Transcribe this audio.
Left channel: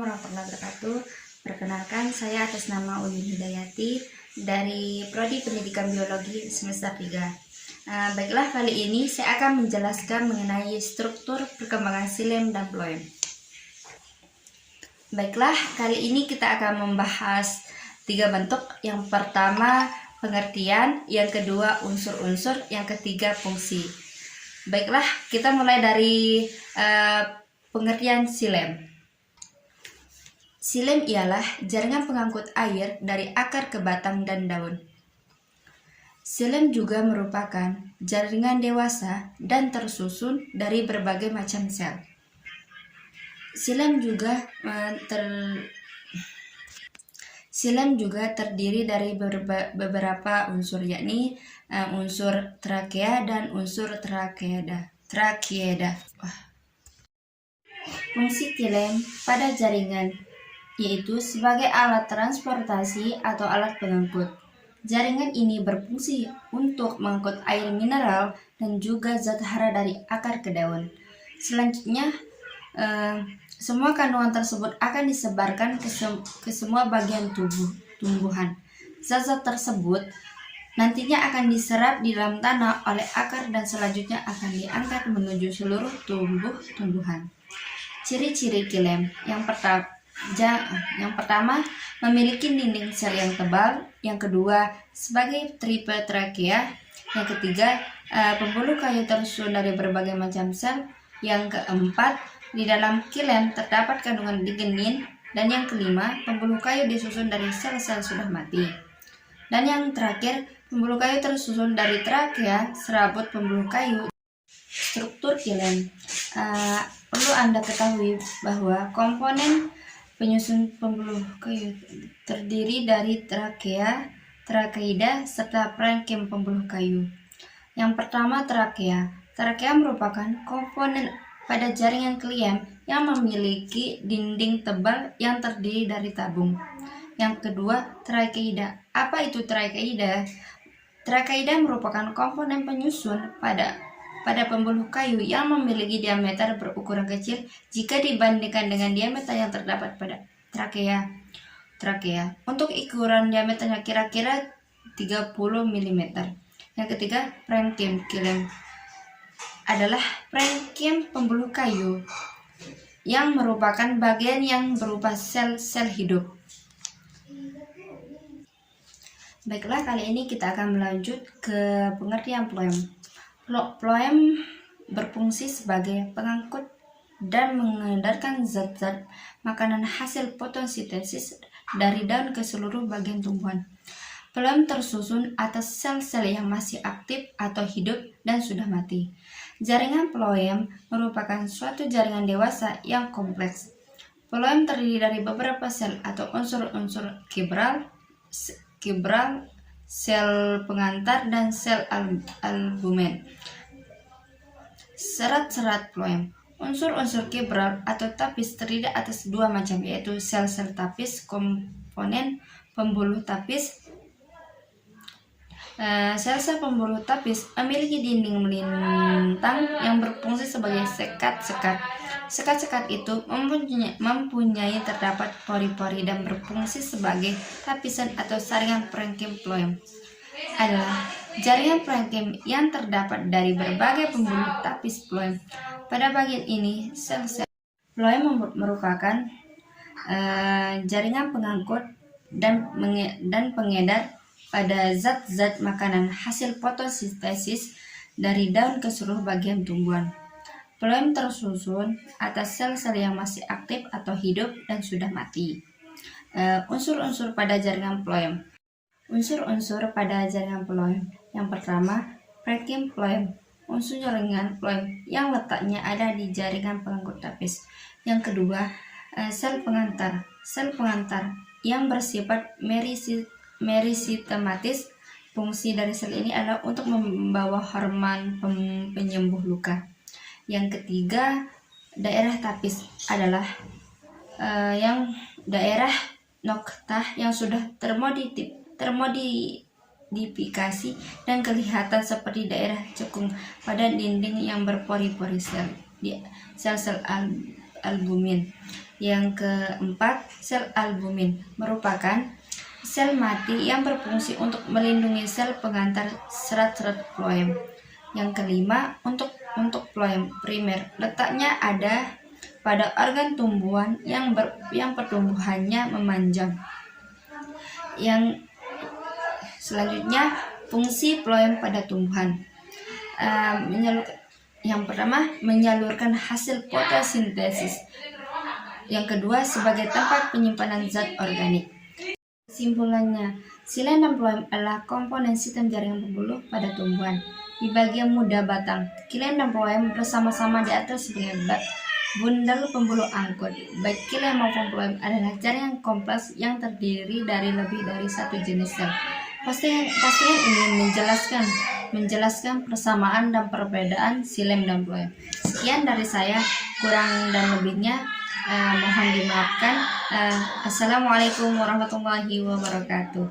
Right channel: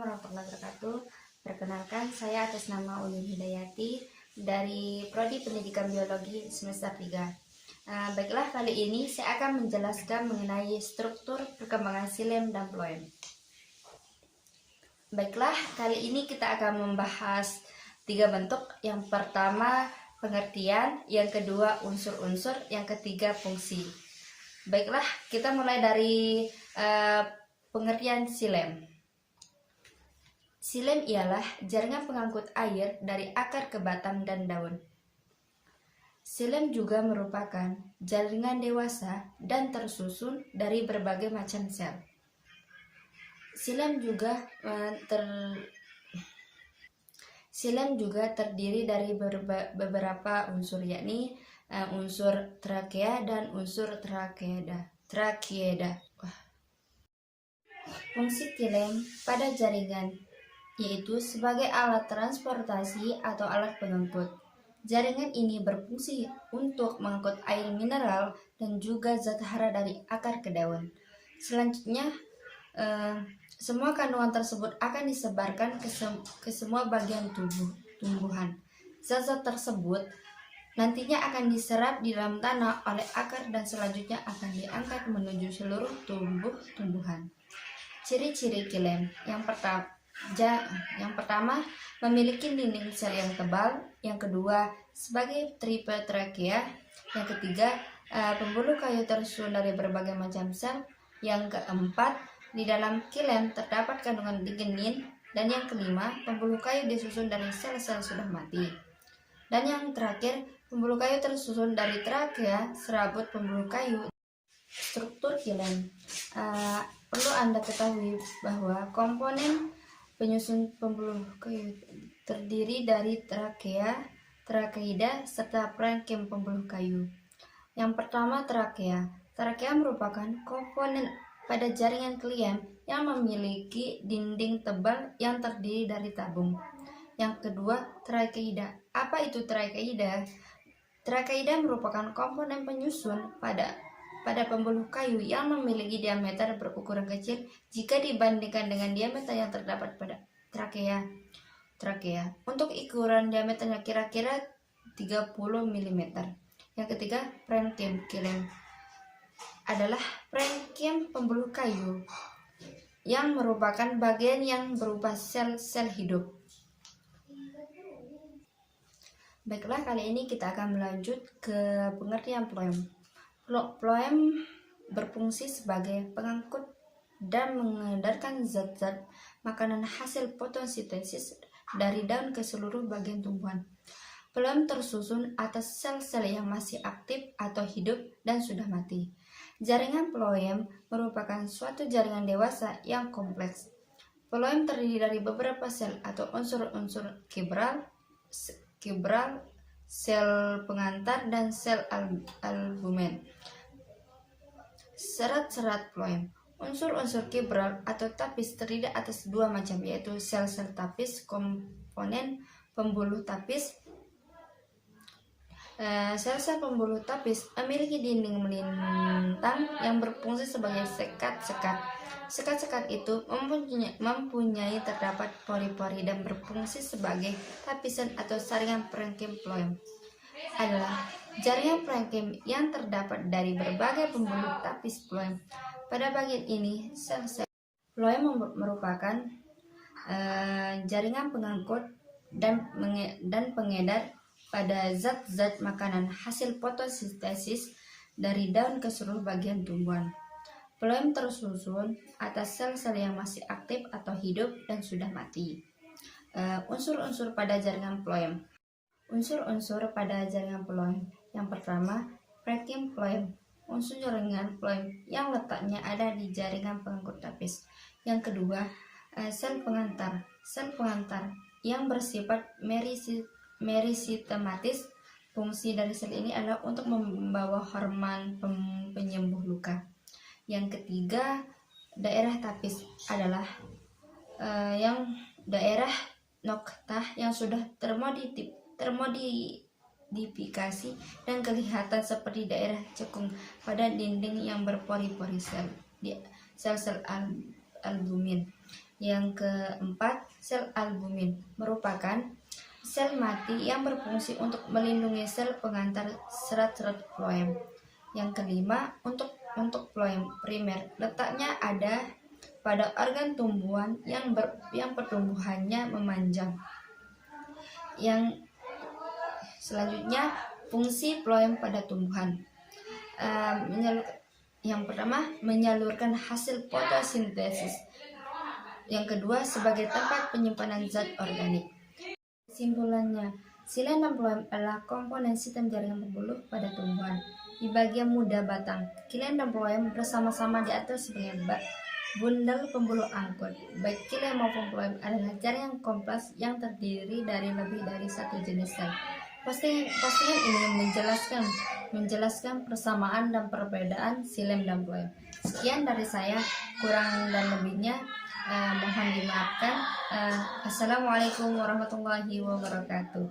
Assalamualaikum warahmatullahi wabarakatuh. Perkenalkan, saya atas nama Uyun Hidayati dari Prodi Pendidikan Biologi semester 3. Baiklah, kali ini saya akan menjelaskan mengenai struktur perkembangan xilem dan phloem. Baiklah, kali ini kita akan membahas 3 bentuk. Yang pertama pengertian, yang kedua unsur-unsur, yang ketiga fungsi. Baiklah, kita mulai dari pengertian xilem. Xilem ialah jaringan pengangkut air dari akar ke batang dan daun. Xilem juga merupakan jaringan dewasa dan tersusun dari berbagai macam sel. Xilem juga terdiri dari beberapa unsur, yakni unsur trakea dan unsur trakeada. Fungsi xilem pada jaringan yaitu sebagai alat transportasi atau alat pengangkut. Jaringan ini berfungsi untuk mengangkut air mineral dan juga zat hara dari akar ke daun. Selanjutnya, semua kandungan tersebut akan disebarkan ke semua bagian tumbuhan. Zat-zat tersebut nantinya akan diserap di dalam tanah oleh akar dan selanjutnya akan diangkat menuju seluruh tumbuhan. Ciri-ciri xilem yang pertama, memiliki dinding sel yang tebal. Yang kedua, sebagai triple trakea. Yang ketiga, pembuluh kayu tersusun dari berbagai macam sel. Yang keempat, di dalam xilem terdapat kandungan lignin. Dan yang kelima, pembuluh kayu disusun dari sel-sel sudah mati. Dan yang terakhir, pembuluh kayu tersusun dari trakea, serabut pembuluh kayu. Struktur xilem. Perlu Anda ketahui bahwa komponen penyusun pembuluh kayu terdiri dari trakea, trakeida, serta parenkim pembuluh kayu. Yang pertama, trakea. Trakea merupakan komponen pada jaringan xilem yang memiliki dinding tebal yang terdiri dari tabung. Yang kedua, trakeida. Apa itu trakeida? Trakeida merupakan komponen penyusun pada pembuluh kayu yang memiliki diameter berukuran kecil jika dibandingkan dengan diameter yang terdapat pada trakea. Untuk ukuran diameternya kira-kira 30 mm. Yang ketiga, parenkim xilem adalah parenkim pembuluh kayu yang merupakan bagian yang berupa sel-sel hidup. Baiklah, kali ini kita akan melanjut ke pengertian phloem. Phloem berfungsi sebagai pengangkut dan mengedarkan zat-zat makanan hasil fotosintesis dari daun ke seluruh bagian tumbuhan. Phloem tersusun atas sel-sel yang masih aktif atau hidup dan sudah mati. Jaringan phloem merupakan suatu jaringan dewasa yang kompleks. Phloem terdiri dari beberapa sel atau unsur-unsur kibral, sel pengantar, dan sel albumen. Serat-serat phloem. Unsur-unsur kibral atau tapis terdiri atas 2 macam, yaitu sel-sel tapis, komponen pembuluh tapis. Sel-sel pembuluh tapis memiliki dinding melintang yang berfungsi sebagai sekat-sekat. Sekat-sekat itu mempunyai terdapat pori-pori dan berfungsi sebagai tapisan atau saringan parenkim. Phloem adalah jaringan parenkim yang terdapat dari berbagai pembuluh tapis phloem. Pada bagian ini, sel-sel phloem merupakan jaringan pengangkut dan pengedar pada zat-zat makanan hasil fotosintesis dari daun ke seluruh bagian tumbuhan. Phloem tersusun atas sel-sel yang masih aktif atau hidup dan sudah mati. Unsur-unsur pada jaringan phloem. Unsur-unsur pada jaringan phloem. Yang pertama, parenkim phloem. Unsur jaringan phloem yang letaknya ada di jaringan pengangkut tapis. Yang kedua, sel pengantar. Sel pengantar yang bersifat merisitematis. Fungsi dari sel ini adalah untuk membawa hormon penyembuh luka. Yang ketiga, daerah tapis adalah yang daerah noktah yang sudah termodifikasi dan kelihatan seperti daerah cekung pada dinding yang berpori-pori sel-sel albumin. Yang keempat, sel albumin merupakan sel mati yang berfungsi untuk melindungi sel pengantar serat-serat floem. Yang kelima, untuk floem primer, letaknya ada pada organ tumbuhan yang pertumbuhannya memanjang. Yang selanjutnya, fungsi floem pada tumbuhan. Yang pertama, menyalurkan hasil fotosintesis. Yang kedua, sebagai tempat penyimpanan zat organik. Kesimpulannya, xilem dan floem adalah komponen sistem jaringan pembuluh pada tumbuhan. Di bagian muda batang, xilem dan floem bersama-sama di atas sebagai bundel pembuluh angkut. Baik xilem maupun floem adalah jaringan kompleks yang terdiri dari lebih dari satu jenis sel. Postingan ini menjelaskan persamaan dan perbedaan xilem dan floem. Sekian dari saya, kurang dan lebihnya mohon dimaafkan. Assalamualaikum warahmatullahi wabarakatuh.